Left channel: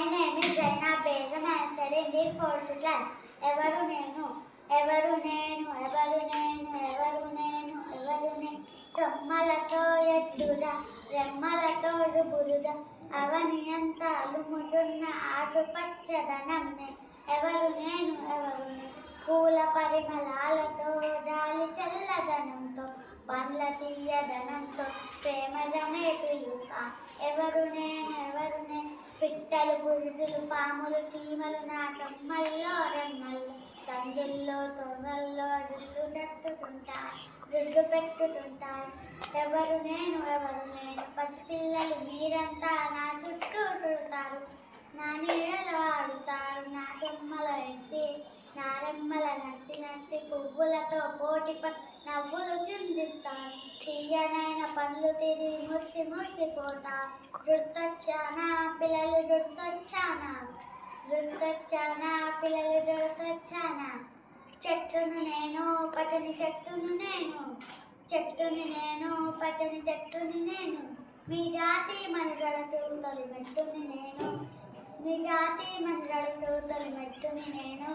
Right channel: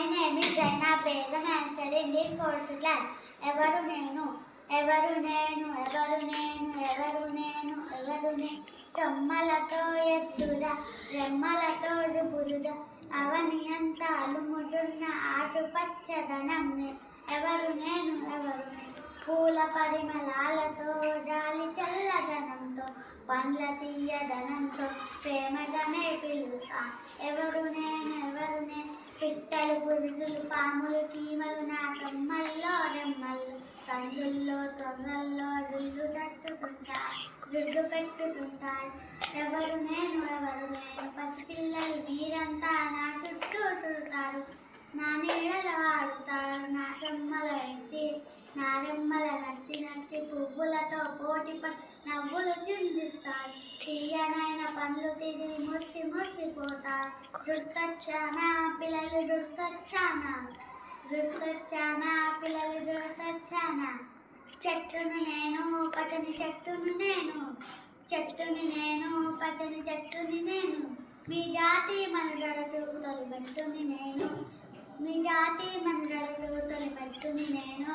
My name is Zaina Begum. I am studying in 4th class. ఎవరు నేను ఎవరు నేను ఎవరు నేను ఎవరు నేను ఎవరు నేను కొమ్మలతో ఎత్తురా రెమ్మలతో బురుదా అవని అంతా అలుముతున్న ఆకుపచ్చదనం ఎవరు నేను ఎవరు నేను పూల పరిమళాలతో గాలి చల్లదనంతో పండ్ల తీయదనంతో ప్రేమదనే పిలుస్తా ఎవరు నేను ఎవరు నేను పిట్టలు పురుగులు పాములు చీమలు నా కొమ్మల్లో రెమ్మల్లో సందుల్లో తొర్రల్లో రుల్లు తట్టుతుంటాయి రుడ్డు పెట్టుతుంటాయి ఎవరు నేను పసిపిల్లలు మీరంతా నా చుట్టూ చుడతారు నా నీడలు ఆడుతారు నా కొమ్మల ఎత్తి నా రెమ్మల నచ్చి నచ్చి పువ్వులతో పోటీ నవ్వులు చిందిస్తారు తీయనైన పండ్లు తిని మురిసి మురిసిపోతారు గుర్తొచ్చానా పిల్లలు గుర్తొచ్చానా గుర్తొచ్చానా పిల్లలు గుర్తొచ్చానా చెట్టును నేను పచ్చని చెట్టును నేను చెట్టుని నేను పచ్చని చెట్టుని నేను మీ జాతి మనుగడతో తొలిమెట్టుని నేను మీ జాతి మనుగడతో తొలిమెట్టుని నేను